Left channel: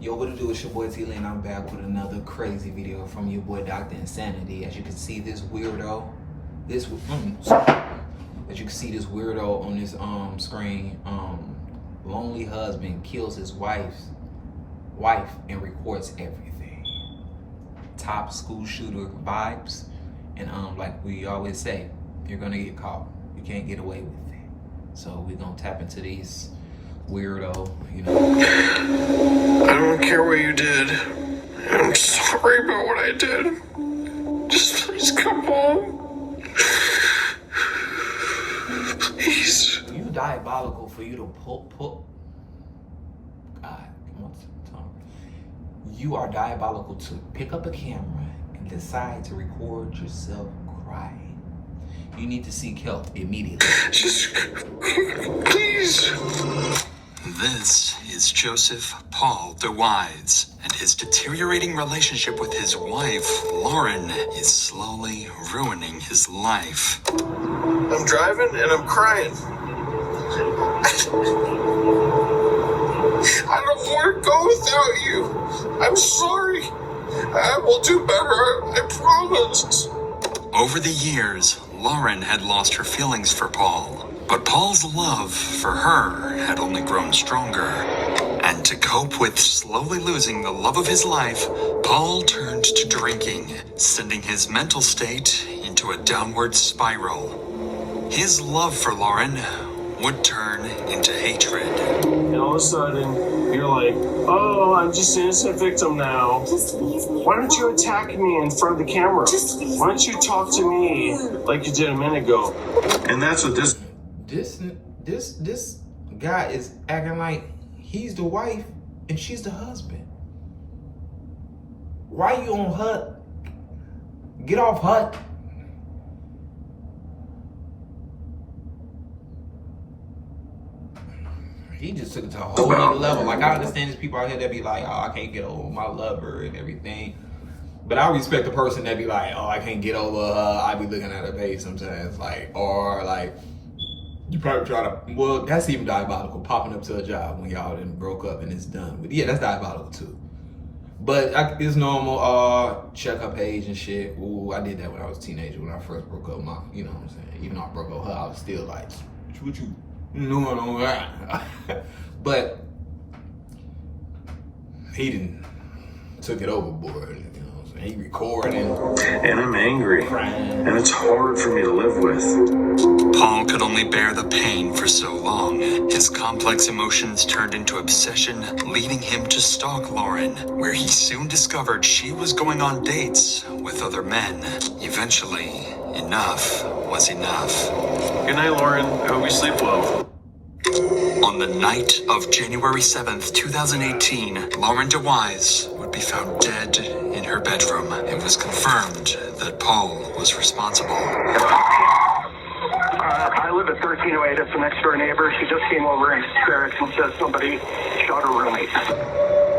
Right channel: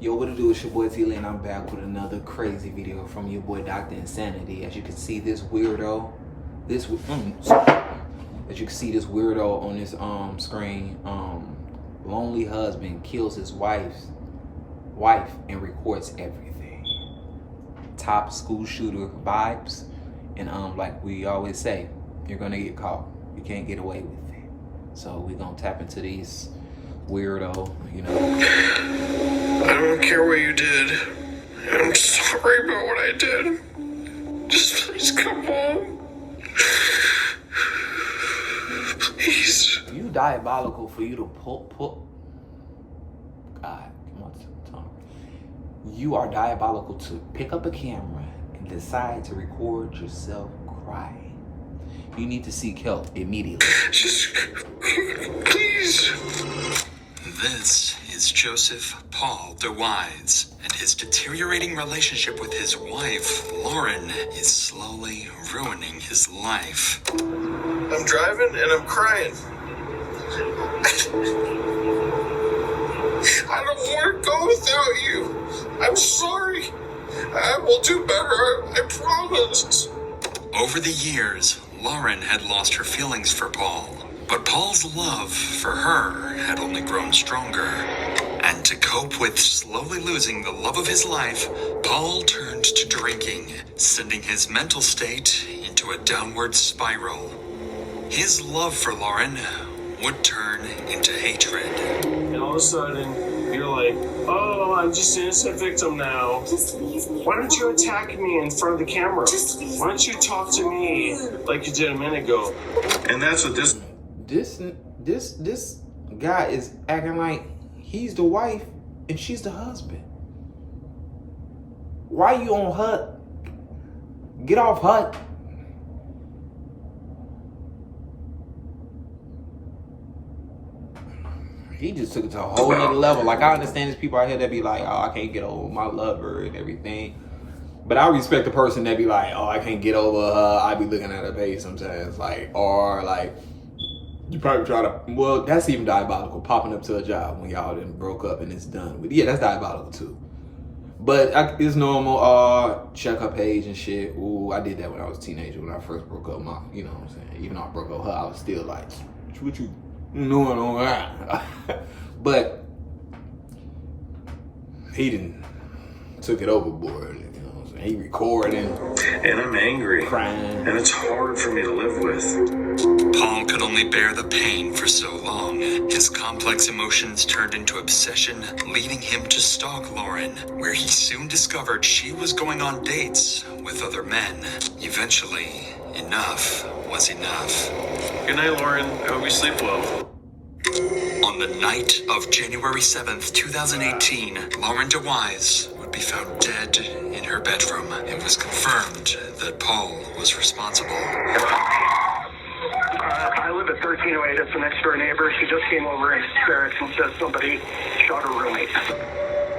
Yo, what it do? It's your boy T-Lee, and I'm back with another crazy video from your boy Dr. Insanity. As you can see, this weirdo, as you can see, this weirdo on this screen, lonely husband kills his wife and records everything. Top school shooter vibes, and like we always say, you're gonna get caught. You can't get away with it. So we're gonna tap into these weirdo, you know. I don't care what you did. I'm sorry about what I did. Just please come home. Please. You diabolical for you to pull. God, come on, Tom. You are diabolical to pick up a camera and decide to record yourself crying. You need to seek help immediately. Just, please. This is Joseph Paul DeWise, and his deteriorating relationship with his wife, Lauren, is slowly ruining his life. I'm driving and I'm crying. I don't want to go without you. I'm sorry. I will do better, I promise. Over the years, Lauren had lost her feelings for Paul. But Paul's love for her had only grown stronger. And to cope with slowly losing the love of his life, Paul turned to drinking, sending his mental state into a downward spiral. His love for Lauren would turn into hatred. And all of a sudden, you're like, oh, I'm just an innocent victim now. Why don't you attack me in front of the camera? Why don't you talk to me like you did a minute ago? And that's what this guy is acting like he's the wife and she's the husband. Why you on HUD? Get off HUD. He just took it to a whole other level. Like, I understand there's people out here that be like, oh, I can't get over my lover and everything. But I respect the person that be like, oh, I can't get over her. I be looking at her page sometimes. Like, or like, you probably try to, well, that's even diabolical, popping up to a job when y'all done broke up and it's done. But yeah, that's diabolical too. But it's normal, check her page and shit. Ooh, I did that when I was a teenager, when I first broke up my, you know what I'm saying? Even though I broke up her, I was still like, what you doing on that? But he didn't took it overboard. He recording. And I'm angry. Crying. And it's hard for me to live with. Paul could only bear the pain for so long. His complex emotions turned into obsession, leading him to stalk Lauren, where he soon discovered she was going on dates with other men. Eventually, enough was enough. Good night, Lauren. I hope you sleep well. On the night of January 7th, 2018, Lauren DeWise would be found dead in her bedroom. It was confirmed that Paul was responsible. I live at 1308. That's the next door neighbor. She just came over in hysterics and says somebody shot her roommate.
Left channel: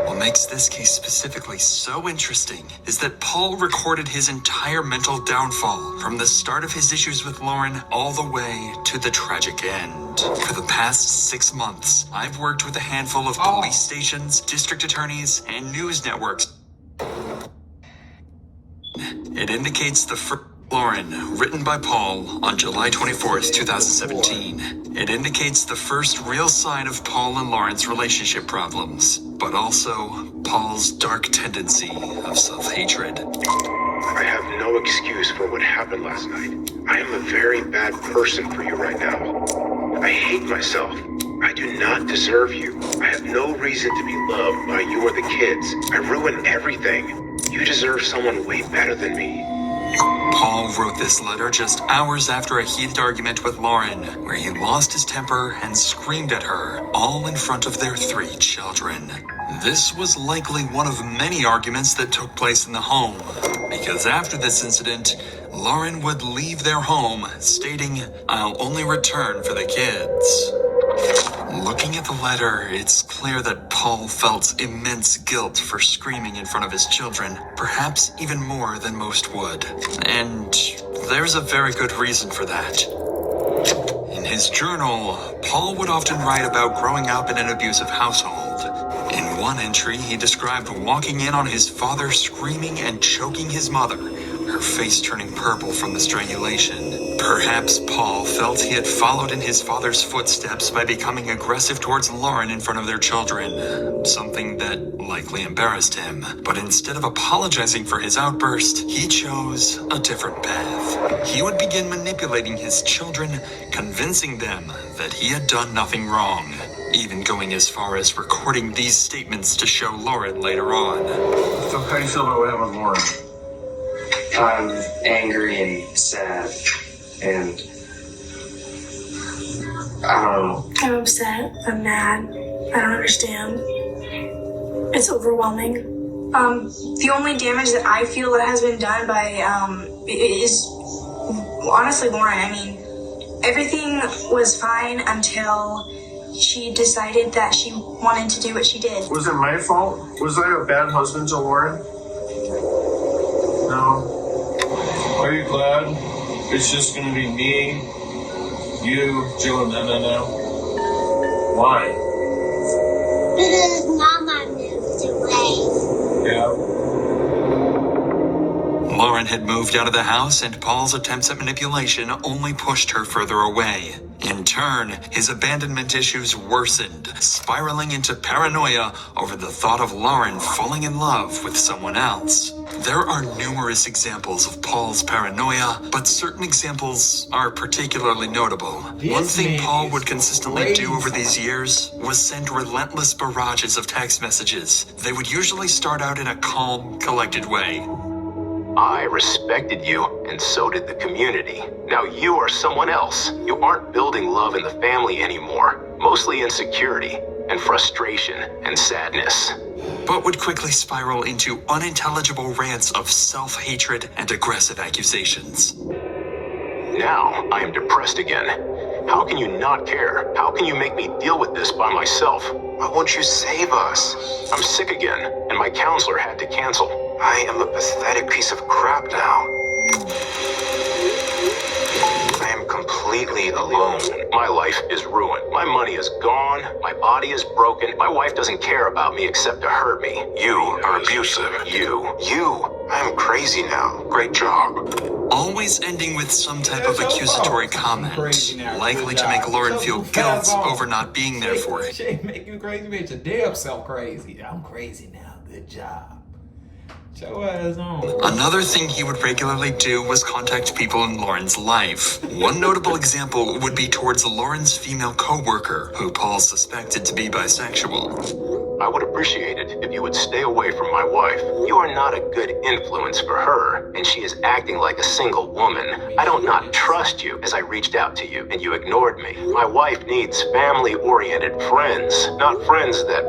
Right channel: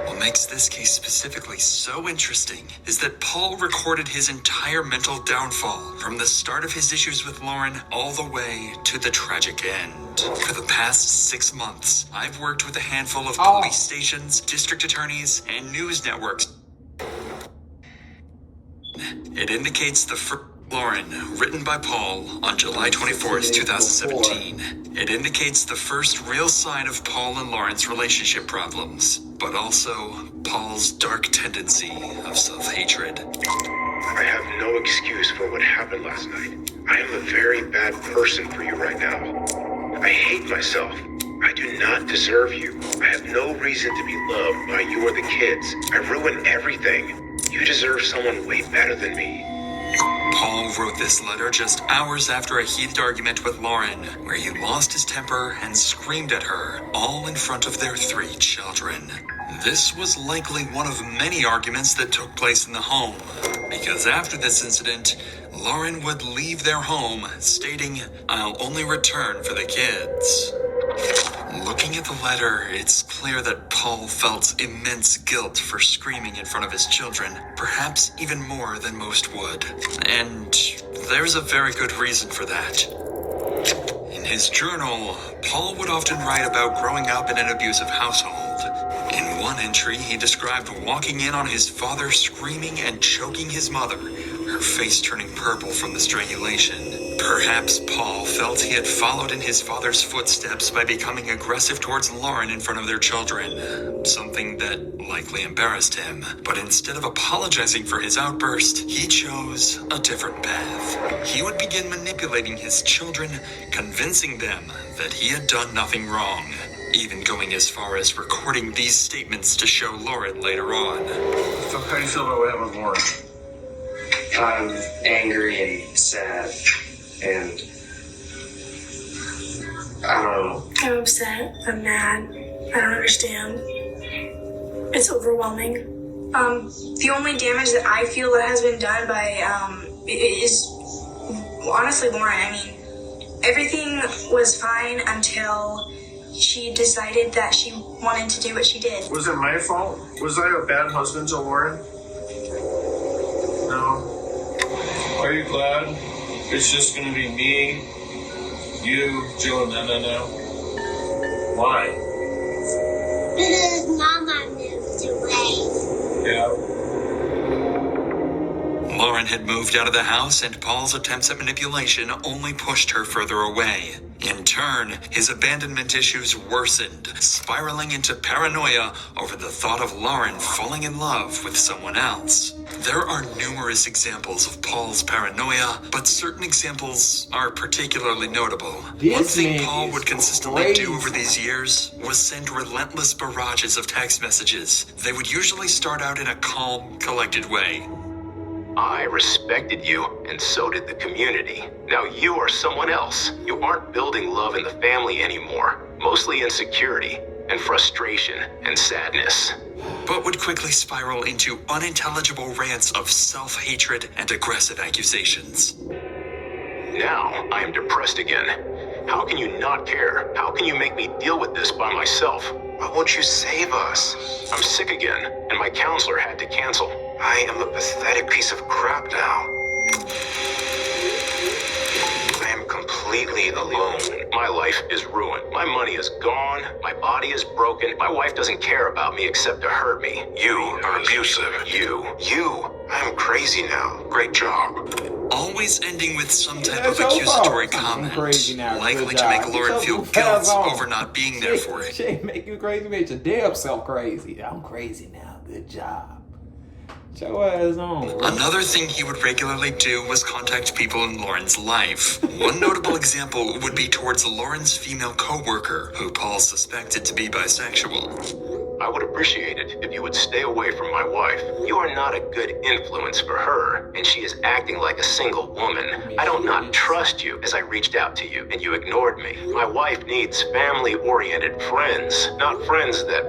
What makes this case specifically so interesting is that Paul recorded his entire mental downfall, from the start of his issues with Lauren all the way to the tragic end. For the past 6 months, I've worked with a handful of police stations, district attorneys, and news networks. It indicates the first Lauren, written by Paul on July 24th, 2017. It indicates the first real sign of Paul and Lauren's relationship problems, but also Paul's dark tendency of self-hatred. I have no excuse for what happened last night. I am a very bad person for you right now. I hate myself. I do not deserve you. I have no reason to be loved by you or the kids. I ruined everything. You deserve someone way better than me. Paul wrote this letter just hours after a heated argument with Lauren, where he lost his temper and screamed at her, all in front of their 3 children. This was likely one of many arguments that took place in the home, because after this incident, Lauren would leave their home, stating, "I'll only return for the kids." Looking at the letter, it's clear that Paul felt immense guilt for screaming in front of his children, perhaps even more than most would. And there's a very good reason for that. In his journal, Paul would often write about growing up in an abusive household. In one one entry, he described walking in on his father screaming and choking his mother, her face turning purple from the strangulation. Perhaps Paul felt he had followed in his father's footsteps by becoming aggressive towards Lauren in front of their children, something that likely embarrassed him. But instead of apologizing for his outburst, he chose a different path. He would begin manipulating his children, convincing them that he had done nothing wrong, even going as far as recording these statements to show Lauren later on. So how do you feel about what happened with Lauren? I'm angry and sad, and I don't know. I'm upset. I'm mad. I don't understand. It's overwhelming. The only damage that I feel that has been done by is honestly Lauren. I mean, everything was fine until she decided that she wanted to do what she did. Was it my fault? Was I a bad husband to Lauren? No. Are you glad it's just gonna be me, you, Jill, and Nana? Why? Because Mama moved away. Yeah. Lauren had moved out of the house, and Paul's attempts at manipulation only pushed her further away. In turn, his abandonment issues worsened, spiraling into paranoia over the thought of Lauren falling in love with someone else. There are numerous examples of Paul's paranoia, but certain examples are particularly notable. One thing Paul would consistently do over these years was send relentless barrages of text messages. They would usually start out in a calm, collected way. I respected you, and so did the community. Now you are someone else. You aren't building love in the family anymore. Mostly insecurity, and frustration, and sadness. But would quickly spiral into unintelligible rants of self-hatred and aggressive accusations. Now I am depressed again. How can you not care? How can you make me deal with this by myself? Why won't you save us? I'm sick again, and my counselor had to cancel. I am a pathetic piece of crap now. I am completely alone. My life is ruined. My money is gone. My body is broken. My wife doesn't care about me except to hurt me. You are abusive. I am crazy now. Great job. Always ending with some type of accusatory comment, likely to make Lauren feel guilt over not being there for it. Shit, make you crazy, make your damn self crazy. I'm crazy now. Good job. Show ass on. Another thing he would regularly do was contact people in Lauren's life. One notable example would be towards Lauren's female co-worker, who Paul suspected to be bisexual. I would appreciate it if you would stay away from my wife. You are not a good influence for her, and she is acting like a single woman. I don't not trust you as I reached out to you, and you ignored me. My wife needs family-oriented friends, not friends that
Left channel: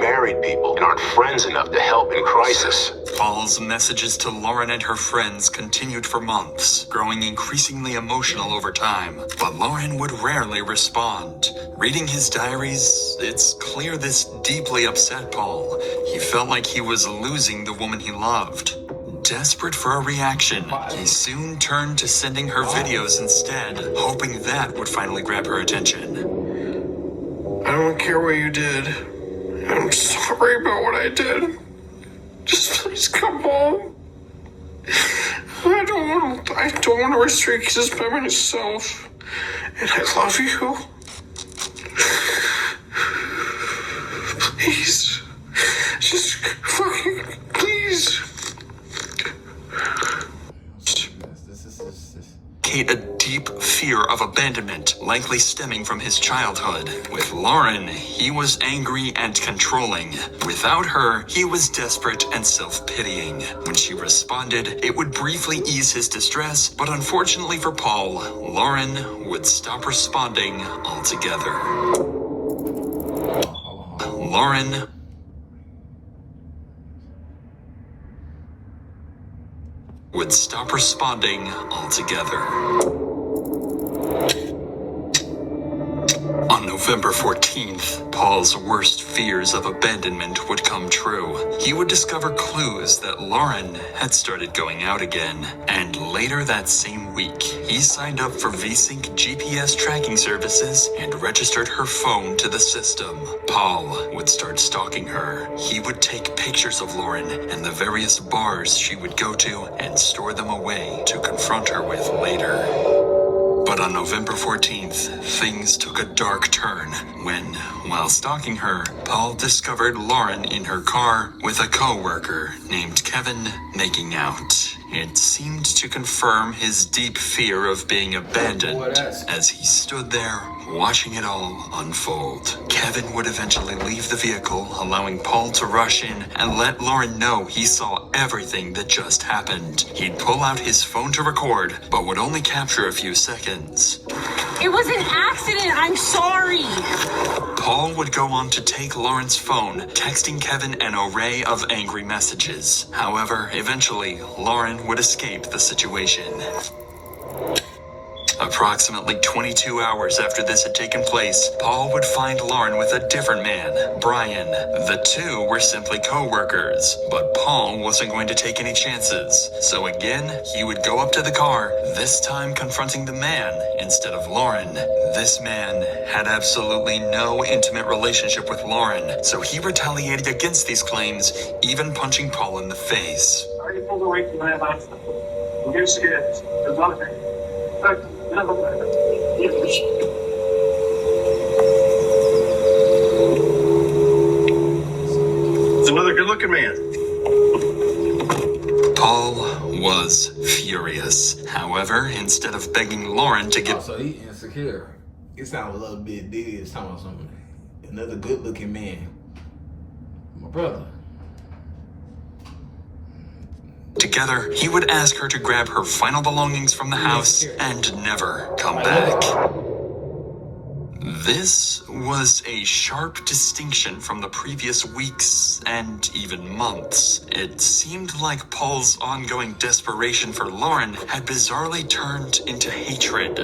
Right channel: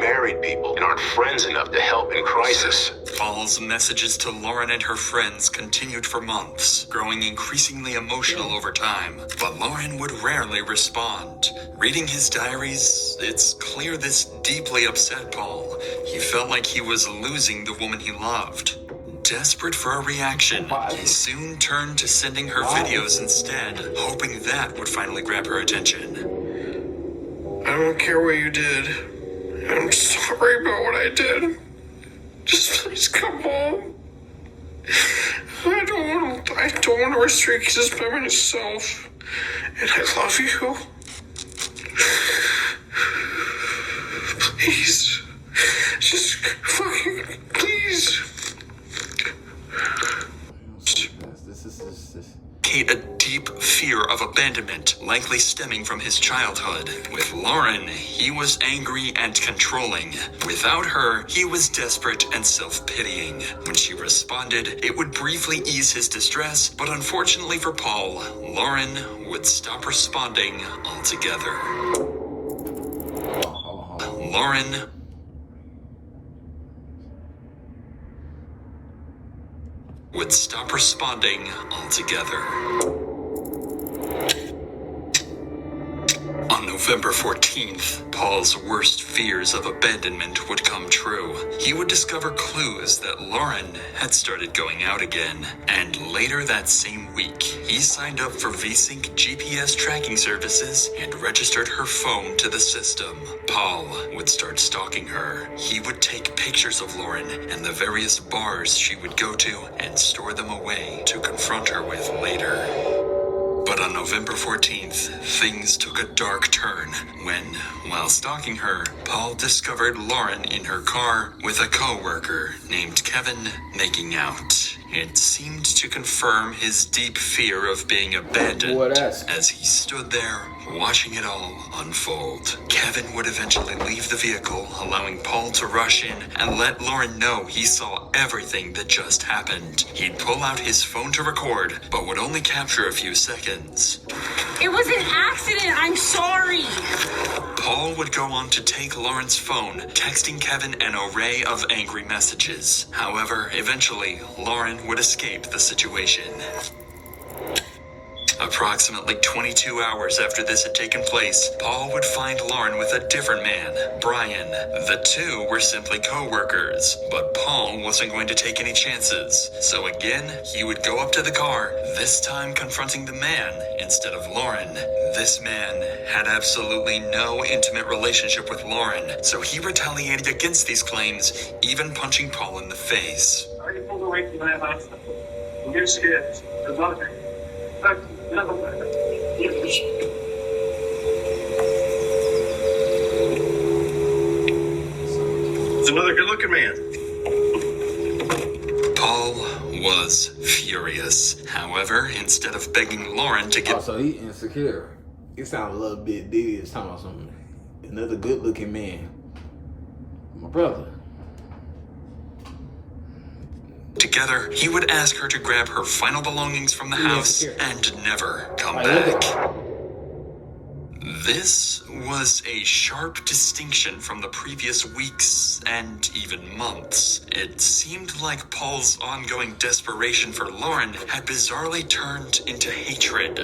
married people and aren't friends enough to help in crisis. Paul's messages to Lauren and her friends continued for months, growing increasingly emotional over time. But Lauren would rarely respond. Reading his diaries, it's clear this deeply upset Paul. He felt like he was losing the woman he loved. Desperate for a reaction, he soon turned to sending her videos instead, hoping that would finally grab her attention. I don't care what you did. I'm sorry about what I did. Just please come home. I don't want to restrict this by myself. And I love you. Please. Just fucking please. A deep fear of abandonment, likely stemming from his childhood. With Lauren, he was angry and controlling. Without her, he was desperate and self-pitying. When she responded, it would briefly ease his distress, but unfortunately for Paul, Lauren would stop responding altogether. Lauren would stop responding altogether. On November 14th, Paul's worst fears of abandonment would come true. He would discover clues that Lauren had started going out again. And later that same week, he signed up for VSync GPS tracking services and registered her phone to the system. Paul would start stalking her. He would take pictures of Lauren and the various bars she would go to and store them away to confront her with later. But on November 14th, things took a dark turn when, while stalking her, Paul discovered Lauren in her car with a co-worker named Kevin making out. It seemed to confirm his deep fear of being abandoned as he stood there watching it all unfold. Kevin would eventually leave the vehicle, allowing Paul to rush in and let Lauren know he saw everything that just happened. He'd pull out his phone to record, but would only capture a few seconds. It was an accident, I'm sorry. Paul would go on to take Lauren's phone, texting Kevin an array of angry messages. However, eventually, Lauren would escape the situation. Approximately 22 hours after this had taken place, Paul would find Lauren with a different man, Brian. The two were simply co-workers, but Paul wasn't going to take any chances. So again, he would go up to the car, this time confronting the man instead of Lauren. This man had absolutely no intimate relationship with Lauren, so he retaliated against these claims, even punching Paul in the face. Are you pulled away from my house? You're scared. There's nothing. It's another good-looking man. Paul was furious. However, instead of begging Lauren to get... Oh, so he insecure. It sounded a little bit diddy. It's talking about something. Another good-looking man. My brother. Together, he would ask her to grab her final belongings from the house and never come back. This was a sharp distinction from the previous weeks and even months. It seemed like Paul's ongoing desperation for Lauren had bizarrely turned into hatred.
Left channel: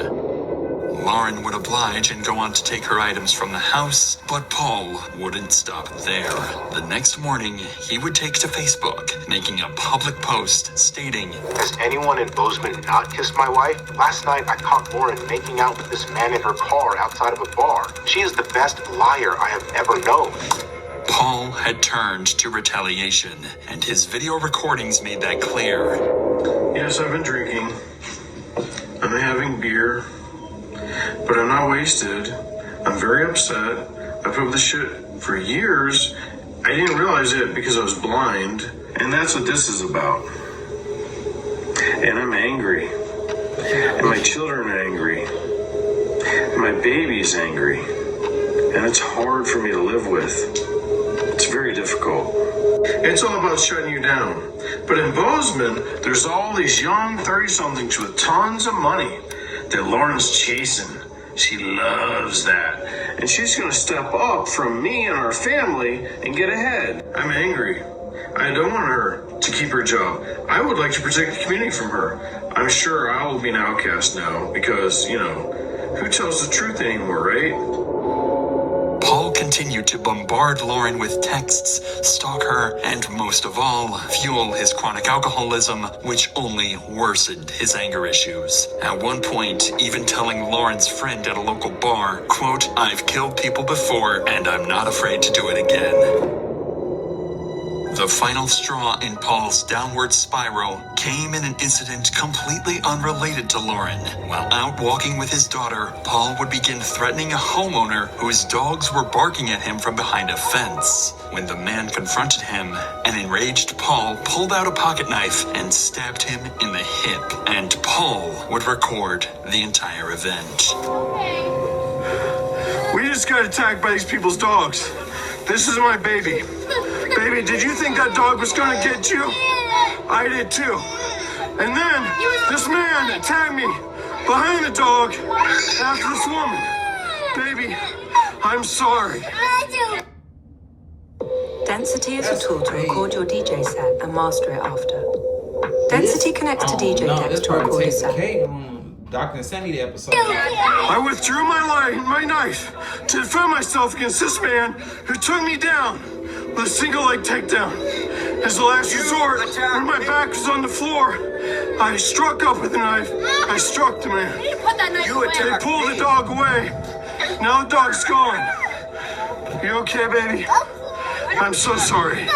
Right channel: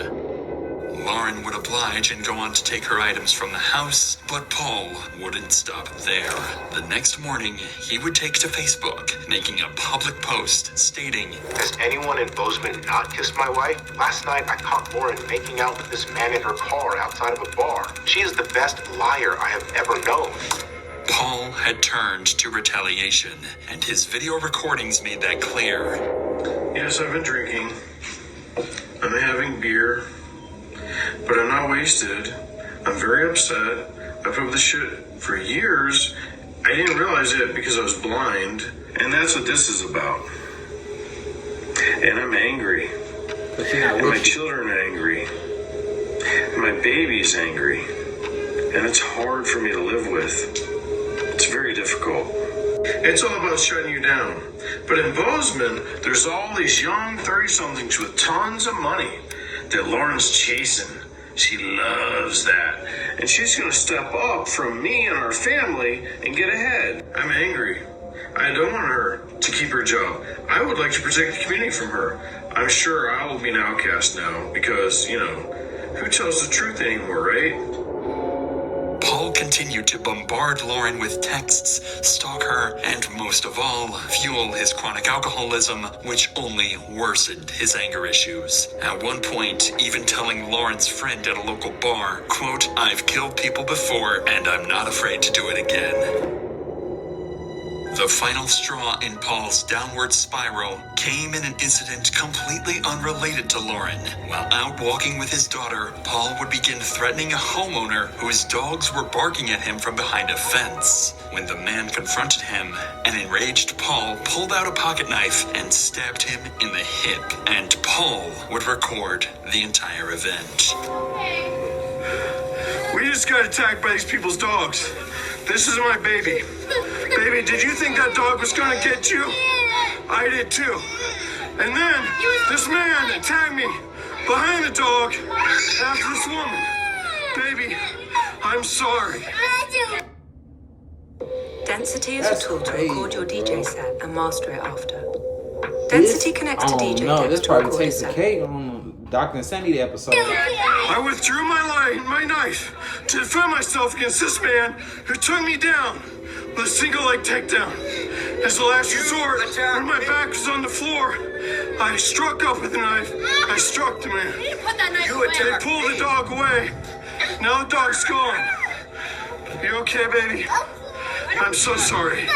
Lauren would oblige and go on to take her items from the house, but Paul wouldn't stop there. The next morning, he would take to Facebook, making a public post stating, Has anyone in Bozeman not kissed my wife? Last night I caught Lauren making out with this man in her car outside of a bar. She is the best liar I have ever known. Paul had turned to retaliation, and his video recordings made that clear. Yes, I've been drinking. I'm having beer. But I'm not wasted. I'm very upset. I put up with this shit for years. I didn't realize it because I was blind. And that's what this is about. And I'm angry. And my children are angry. And my baby's angry. And it's hard for me to live with. It's very difficult. It's all about shutting you down. But in Bozeman, there's all these young 30-somethings with tons of money that Lauren's chasing. She loves that. And she's gonna step up from me and our family and get ahead. I'm angry. I don't want her to keep her job. I would like to protect the community from her. I'm sure I will be an outcast now because, who tells the truth anymore, right? Paul continued to bombard Lauren with texts, stalk her, and most of all, fuel his chronic alcoholism, which only worsened his anger issues. At one point, even telling Lauren's friend at a local bar, quote, I've killed people before, and I'm not afraid to do it again. The final straw in Paul's downward spiral came in an incident completely unrelated to Lauren. While out walking with his daughter, Paul would begin threatening a homeowner whose dogs were barking at him from behind a fence. When the man confronted him, an enraged Paul pulled out a pocket knife and stabbed him in the hip, and Paul would record the entire event. We just got attacked by these people's dogs. This is my baby. Baby, did you think that dog was gonna get you? I did too. And then this man attacked me behind the dog after this woman. Baby, I'm sorry. Density is a tool to record your DJ set and master it after. Density connects to DJ decks to record a set. Dr. Insanity episode. I withdrew my knife to defend myself against this man who took me down with a single leg takedown. As a last resort, when my back was on the floor, I struck up with the knife. I struck the man. Put that knife away. They pulled the dog away. Now the dog's gone. You okay, baby? I'm so sorry.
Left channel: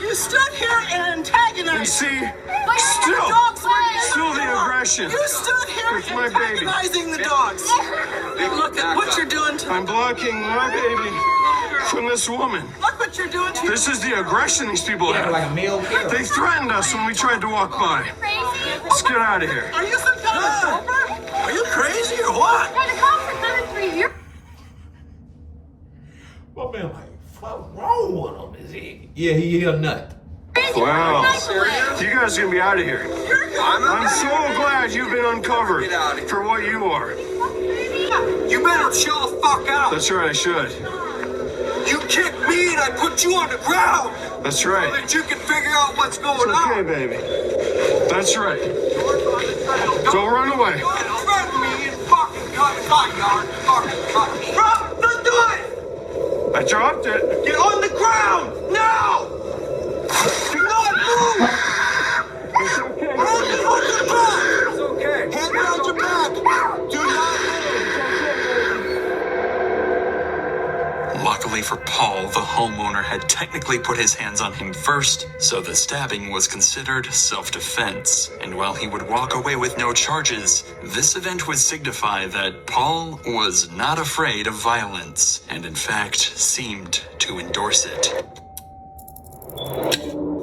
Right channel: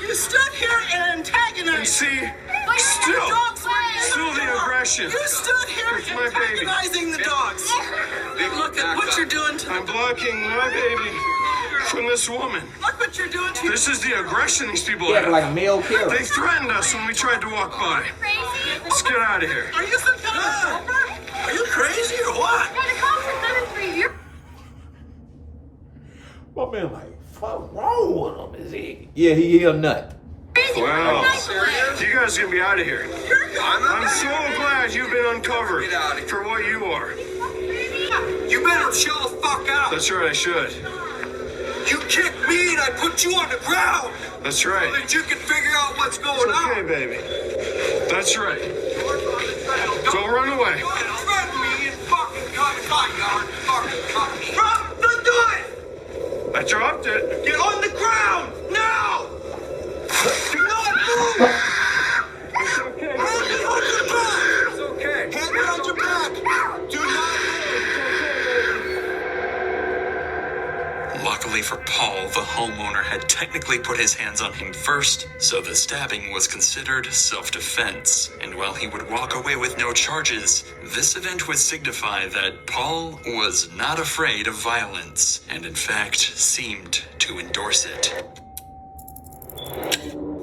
You stood here and antagonized. You see, Like, still dogs the aggression. You stood here With my baby. antagonizing the dogs. Look at what you're doing to I'm blocking my baby from this woman. Look what you're doing to This is the aggression these people Yeah, have. like a male killer. They threatened us when we tried to walk by. Let's get out of here. Are you some kind of helper? Are you crazy or what? Got a call for 7 years. My man, like, fuck wrong with him? Is he? Yeah, he a nut. Wow. You guys are gonna be out of here. I'm so glad you've been uncovered for what you are. You better chill the fuck out. That's right, I should. You kicked me and I put you on the ground. That's So right. that you can figure out what's going It's okay, on. baby. That's right. Don't run away. Don't threaten me, you fucking cunt. Don't do it. I dropped it. Get on the ground now. Do not move. It's okay. It's okay. Hand behind your back. Do not move. Luckily for Paul, the homeowner had technically put his hands on him first, so the stabbing was considered self-defense. And while he would walk away with no charges, this event would signify that Paul was not afraid of violence, and in fact seemed to endorse it.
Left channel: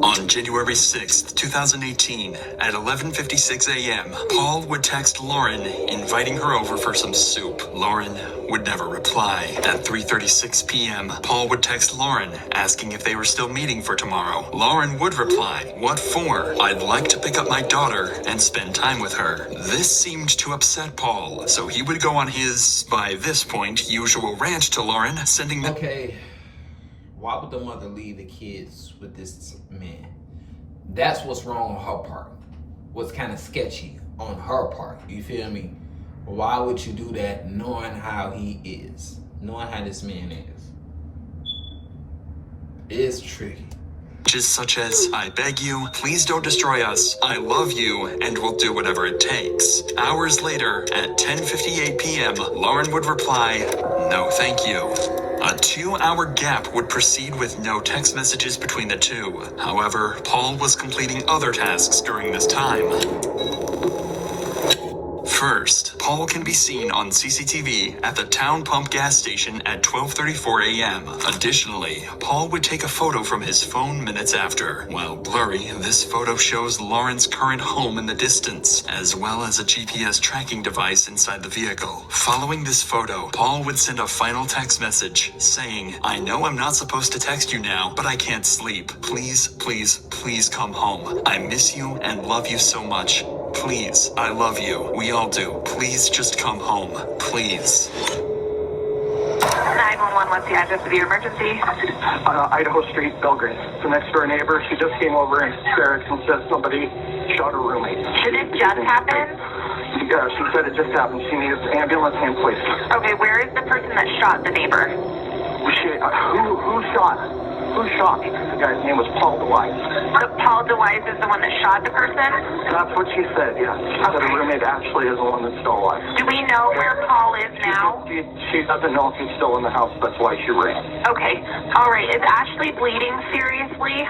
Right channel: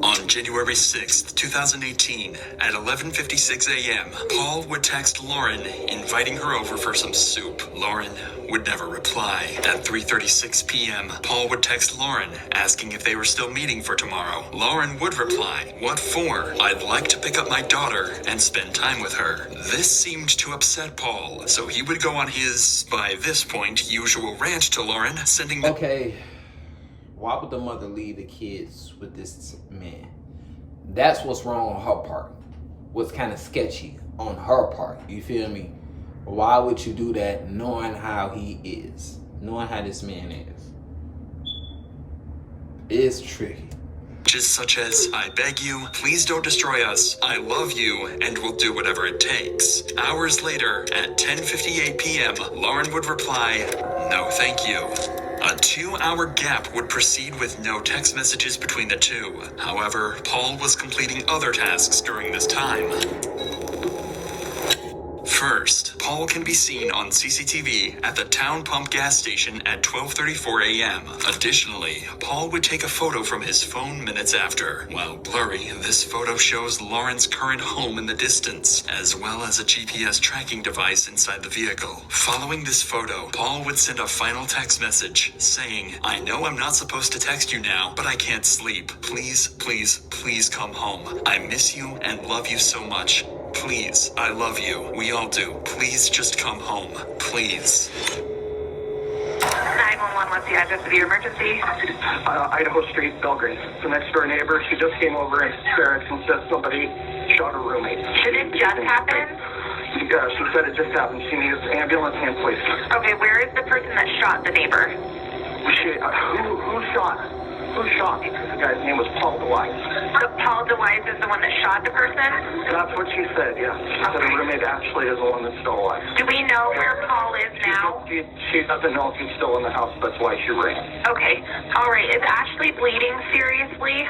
On January 6th, 2018, at 11:56 a.m., Paul would text Lauren, inviting her over for some soup. Lauren would never reply. At 3:36 p.m., Paul would text Lauren, asking if they were still meeting for tomorrow. Lauren would reply, "What for? I'd like to pick up my daughter and spend time with her." This seemed to upset Paul, so he would go on his, by this point, usual rant to Lauren, sending... Okay, why would the mother leave the kids with this man? That's what's wrong on her part. What's kind of sketchy on her part. You feel me? Why would you do that knowing how he is? Knowing how this man is? It's tricky. Just such as, "I beg you, please don't destroy us, I love you, and we'll do whatever it takes." Hours later, at 10:58 p.m., Lauren would reply, "No thank you." A 2-hour gap would proceed with no text messages between the two. However, Paul was completing other tasks during this time. First, Paul can be seen on CCTV at the Town Pump gas station at 12:34 a.m. Additionally, Paul would take a photo from his phone minutes after. While blurry, this photo shows Lauren's current home in the distance, as well as a GPS tracking device inside the vehicle. Following this photo, Paul would send a final text message saying, "I know I'm not supposed to text you now, but I can't sleep. Please, please, please come home. I miss you and love you so much. Please, I love you. We all do. Please just come home. Please." 911, what's the address of your emergency? Idaho Street, Belgrade. The next door neighbor, she just came over in hysterics and said somebody shot her roommate. Did it just happen? Yeah, she said it just happened. She needs ambulance and police. Okay, where is the person that shot the neighbor? Who shot? Who shot? The guy's name was Paul DeWise. So Paul DeWise is the one that shot the person? That's what she said, yeah. She said her roommate actually is the one that's still alive. Do we know where Paul is now? She doesn't know if he's still in the house. That's why she ran. Okay, all right. Is Ashley bleeding seriously?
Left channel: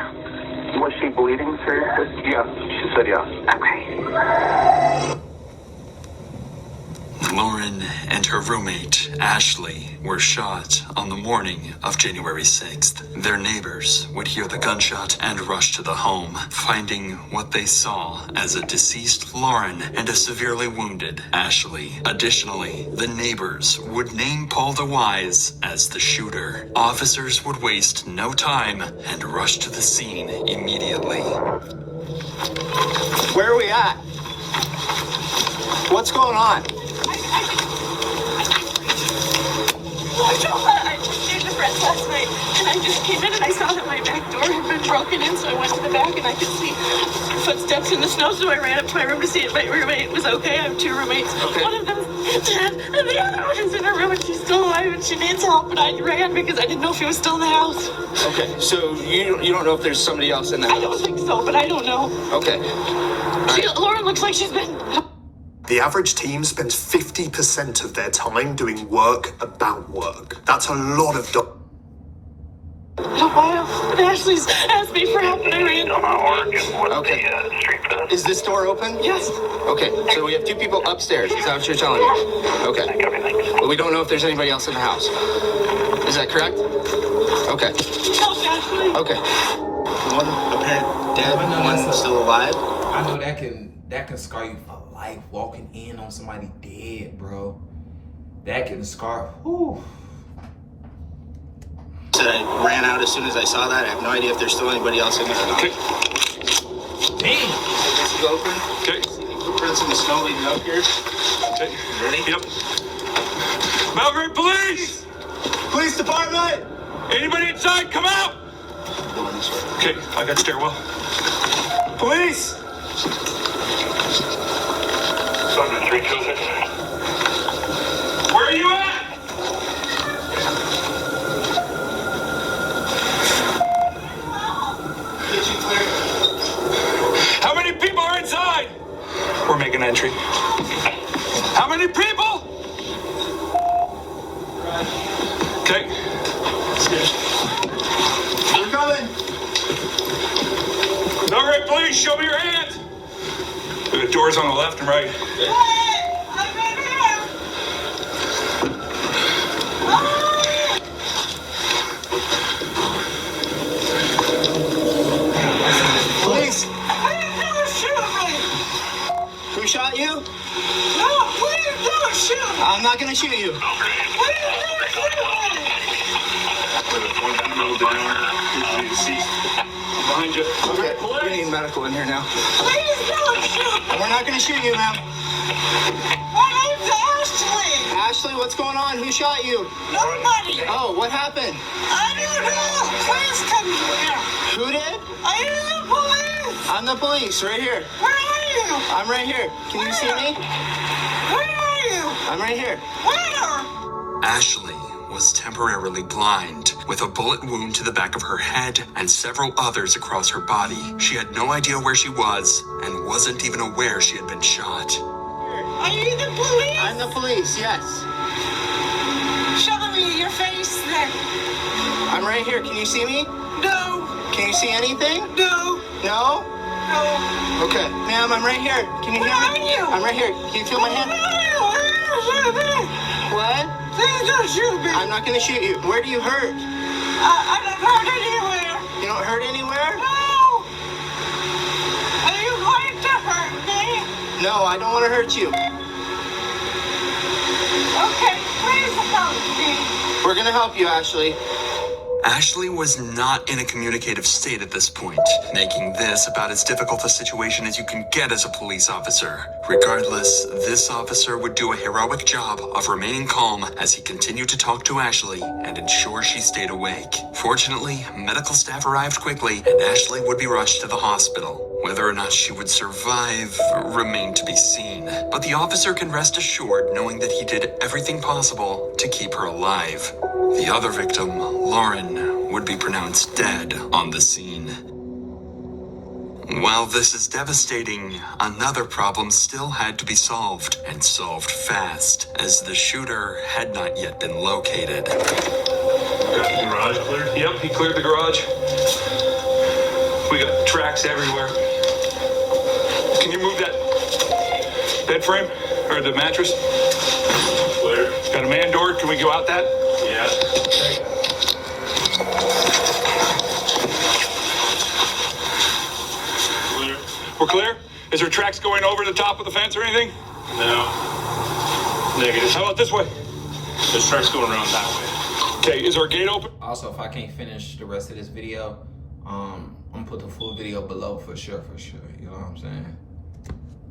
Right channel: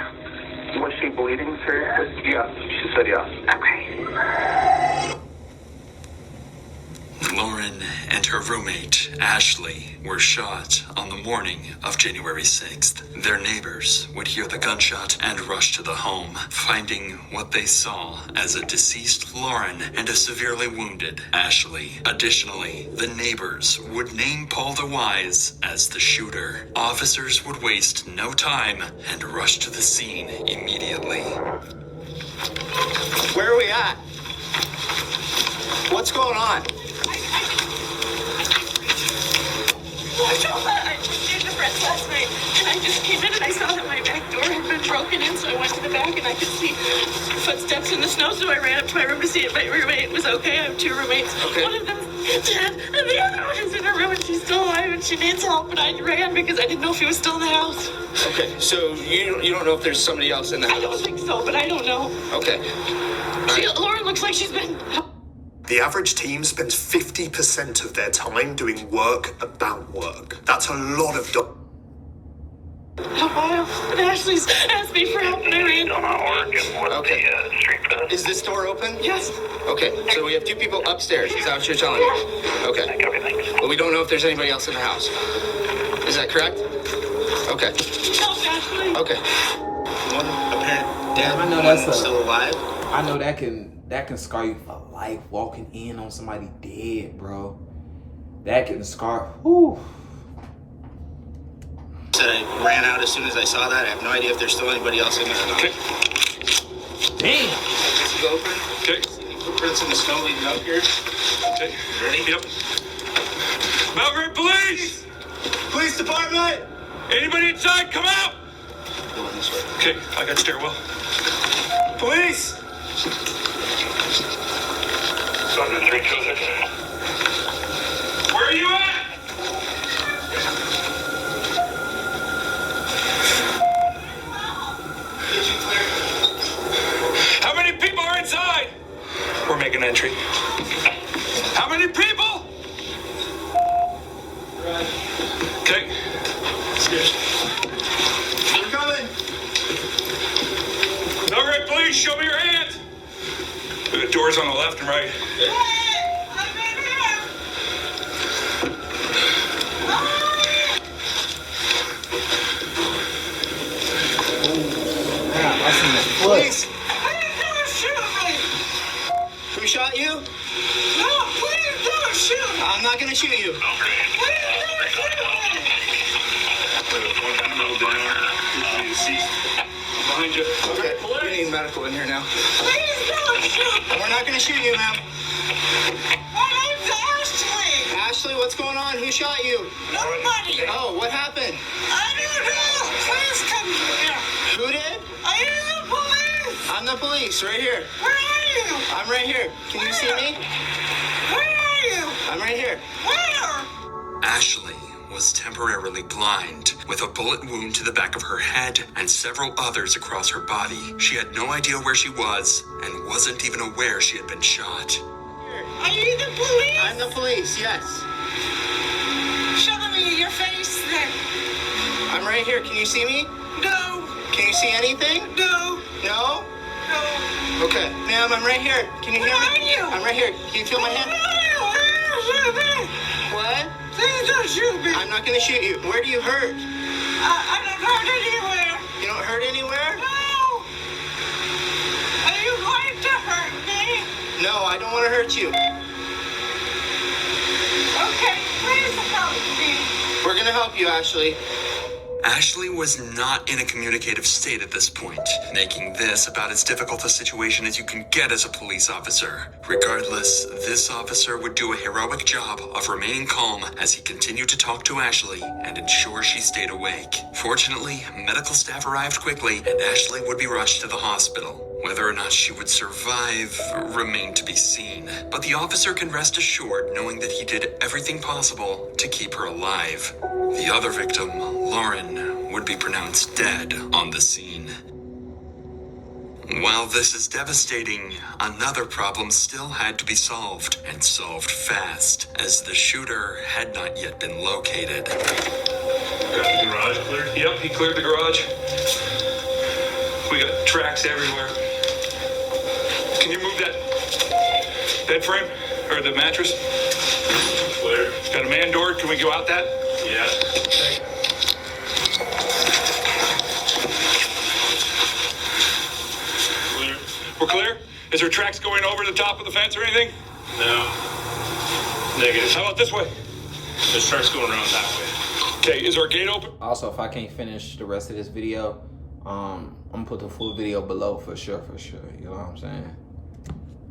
Was she bleeding seriously? Yes, she said yes. Okay. Lauren and her roommate, Ashley, were shot on the morning of January 6th. Their neighbors would hear the gunshot and rush to the home, finding what they saw as a deceased Lauren and a severely wounded Ashley. Additionally, the neighbors would name Paul DeWise as the shooter. Officers would waste no time and rush to the scene immediately. Where are we at? What's going on? I told her I was staying with friends last night, and I just came in and I saw that my back door had been broken walking in, so I went to the back and I could see footsteps in the snow, so I ran up to my room to see if my roommate was okay. I have 2 roommates. Okay. One of them is dead, and the other one is in her room and she's still alive and she needs help, but I ran because I didn't know if he was still in the house. Okay, so you don't know if there's somebody else in the house? I don't think so, but I don't know. Okay. Lauren looks like she's been... The average team spends 50% of their time doing work about work. That's a lot of A while, and Ashley's asked me for help and I ran. Okay. Is this door open? Yes. Okay, so we have 2 people upstairs. Is that what you're telling me? Okay. But we don't know if there's anybody else in the house. Is that correct? Okay. Help Ashley. Okay. One apparent dead, I know one that's still alive. I know that can scar you for life. Walking in on somebody dead, bro. That can scar. Whew. I ran out as soon as I saw that. I have no idea if there's still anybody else in there. Okay. Damn. Is it open? Okay. Footprints in the snow leading out here. Okay. Ready? Yep. Belgrade Police! Police department! Anybody inside, come out! Going this way. Okay, I got stairwell. Police! Where are you at? How many people are inside? We're making entry. How many people? Okay. We're coming! Belgrade Police, show me your hands. The doors on the left and right. Police! Who shot you? No, please don't shoot me. I'm not gonna shoot you. Please don't shoot me. Behind you. Okay, we need medical in here now. Please don't shoot me. We're not gonna shoot you, ma'am. My name's Ashley. Ashley, what's going on? Who shot you? Nobody. Oh, what happened? I don't know. Please come here. Who did? I am the police. I'm the police, right here. Where are you? I'm right here. Can you see me? Where are you? I'm right here. Where? Ashley was temporarily blind, with a bullet wound to the back of her head and several others across her body. She had no idea where she was and wasn't even aware she had been shot. Are you the police? I'm the police, yes. Show me your face then. I'm right here. Can you see me? No. Can you see anything? No. No? No. Okay. Ma'am, I'm right here. Can you hear me? Where are you? I'm right here. Can you feel my hand? What? Please don't shoot me. I'm not going to shoot you. Where do you hurt? I don't hurt anywhere. You don't hurt anywhere? No. Are you going to hurt me? No, I don't want to hurt you. Okay, please help me. We're going to help you, Ashley. Ashley was not in a communicative state at this point, making this about as difficult a situation as you can get as a police officer. Regardless, this officer would do a heroic job of remaining calm as he continued to talk to Ashley and ensure she stayed awake. Fortunately, medical staff arrived quickly and Ashley would be rushed to the hospital. Whether or not she would survive remained to be seen, but the officer can rest assured knowing that he did everything possible to keep her alive. The other victim, Lauren, would be pronounced dead on the scene. While this is devastating, another problem still had to be solved, and solved fast, as the shooter had not yet been located. Got the garage cleared? Yep, he cleared the garage. We got tracks everywhere. Can you move that bed frame? Or the mattress? Clear. Got a man door. Can we go out that? Yeah. Okay. Clear. We're clear? Is there tracks going over the top of the fence or anything? No. Negative. How about this way? There's tracks going around that way. Okay, is our gate open? Also, if I can't finish the rest of this video, I'm gonna put the full video below for sure, you know what I'm saying?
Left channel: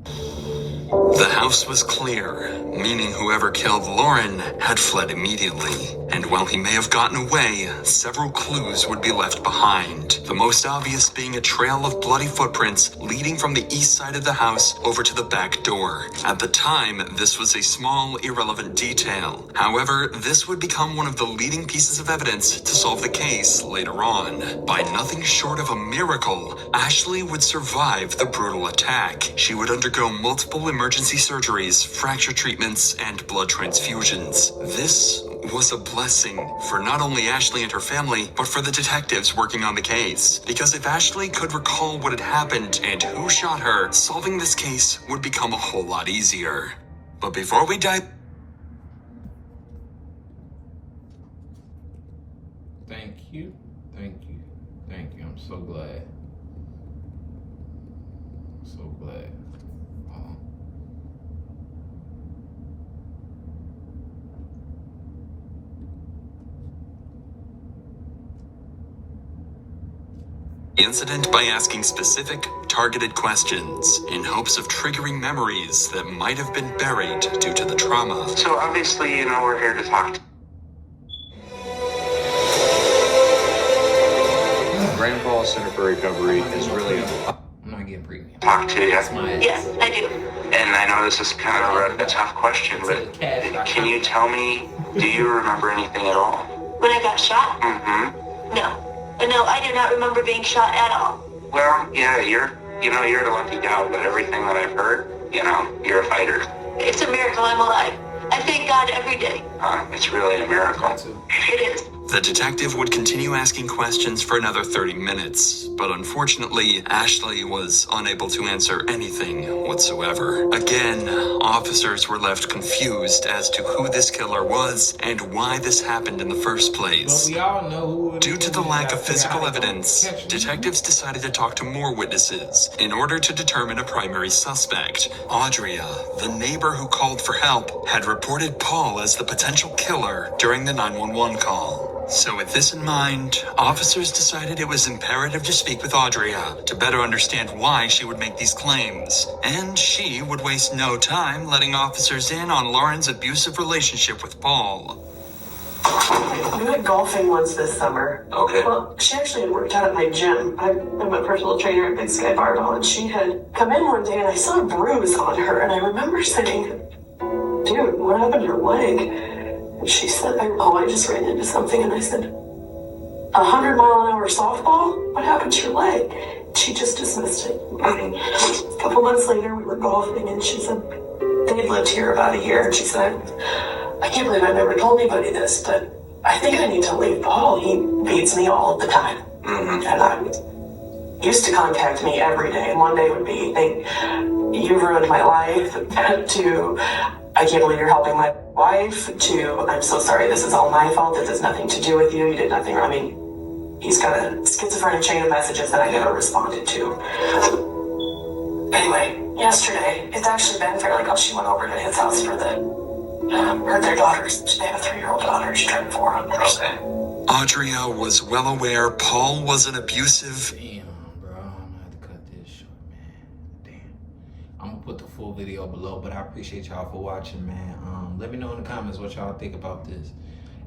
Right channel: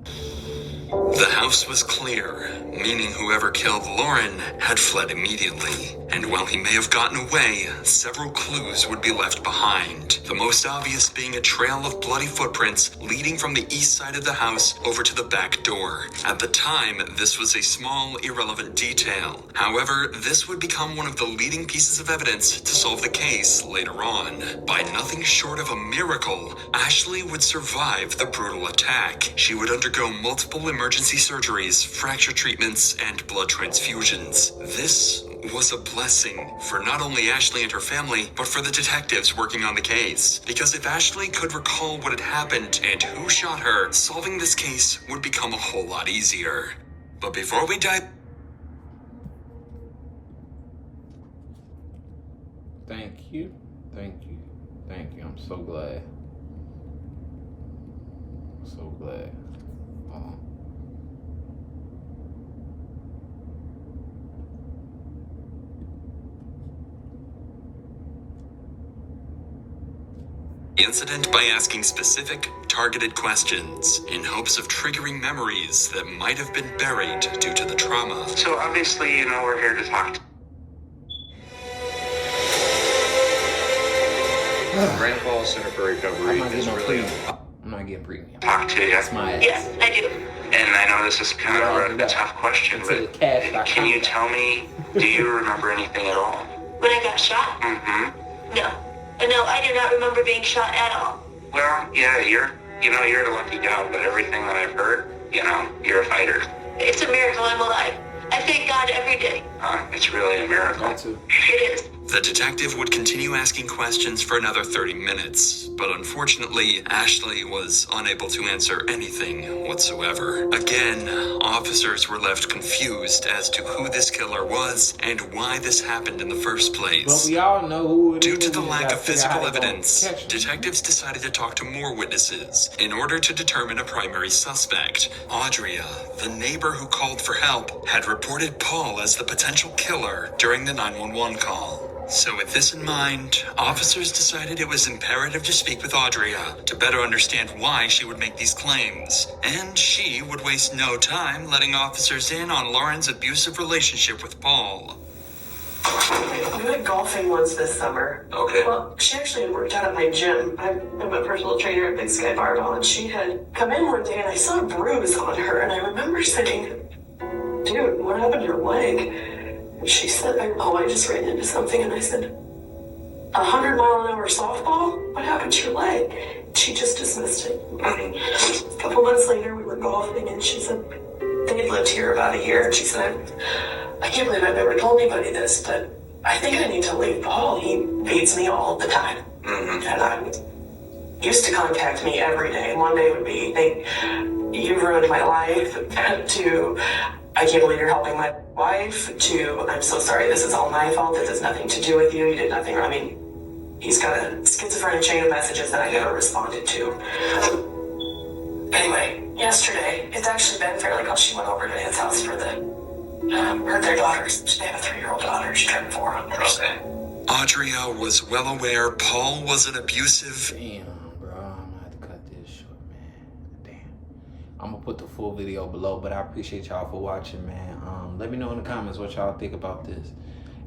The house was clear, meaning whoever killed Lauren had fled immediately. And while he may have gotten away, several clues would be left behind. The most obvious being a trail of bloody footprints leading from the east side of the house over to the back door. At the time, this was a small, irrelevant detail. However, this would become one of the leading pieces of evidence to solve the case later on. By nothing short of a miracle, Ashley would survive the brutal attack. She would undergo multiple emergency surgeries, fracture treatments, and blood transfusions. This was a blessing for not only Ashley and her family, but for the detectives working on the case. Because if Ashley could recall what had happened and who shot her, solving this case would become a whole lot easier. But before we dive... Thank you. I'm so glad. So glad. Incident by asking specific, targeted questions in hopes of triggering memories that might have been buried due to the trauma. So obviously, you know, we're here to talk. Rainfall Center for Recovery is really I'm not getting premium. talk to you. Yes, I do. And I know this is kind of a tough question, but can you tell me, do you remember anything at all? When I got shot? Mm-hmm. No. No, I do not remember being shot at all. Well, yeah, you're the lucky gal, but everything that I've heard, you know, you're a fighter. It's a miracle I'm alive. I thank God every day. It's really a miracle. It is. The detective would continue asking questions for another 30 minutes, but unfortunately, Ashley was unable to answer anything whatsoever. Again, officers were left confused as to who this killer was and why this happened in the first place. Well, we all know who. Due to the lack of physical evidence, detectives decided to talk to more witnesses in order to determine a primary suspect. Audria, the neighbor who called for help, had reported Paul as the potential killer during the 911 call. So with this in mind, officers decided it was imperative to speak with Audria to better understand why she would make these claims. And she would waste no time letting officers in on Lauren's abusive relationship with Paul. We went golfing once this summer. Okay. Well, she actually had worked out at my gym. I'm a personal trainer at Big Sky Barbell, and she had come in one day and I saw a bruise on her, and I remember saying, "Dude, what happened to your leg?" And she said, I just ran into something. And I said, 100-mile-an-hour softball? What happened to your leg? She just dismissed it. A couple months later, we were golfing, and she said, they've lived here about a year. And she said, I can't believe I've never told anybody this, but I think I need to leave Paul. He beats me all the time. Mm-hmm. And I used to contact me every day. And one day would be, you've ruined my life, to, I can't believe you're helping my wife, to, I'm so sorry, this is all my fault, this has nothing to do with you, you did nothing wrong. I mean, he's got a schizophrenic chain of messages that I never responded to. Anyway, yesterday, it's actually been fairly close. She went over to his house for their daughters. They have a 3-year-old daughter, she turned 4 on Thursday. Audria was well aware Paul was an abusive... Damn, bro, I'm gonna have to cut this short, man. Damn. I'm gonna put the full video below, but I appreciate y'all for watching, man. Let me know in the comments what y'all think about this.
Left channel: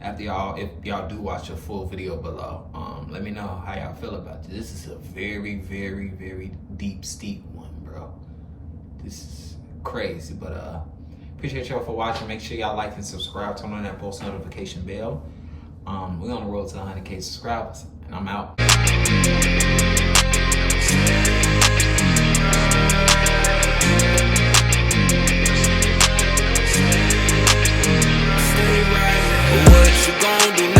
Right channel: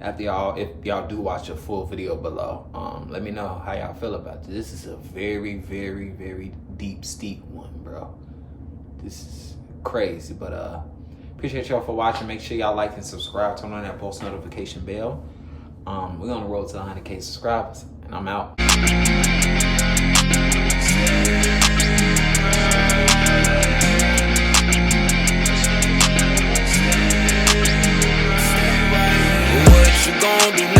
After y'all, if y'all do watch the full video below, let me know how y'all feel about this. This is a very, very, very deep, steep one, bro. This is crazy, but appreciate y'all for watching. Make sure y'all like and subscribe. Turn on that post notification bell. We're on the road to 100K subscribers, and I'm out. What you gon' do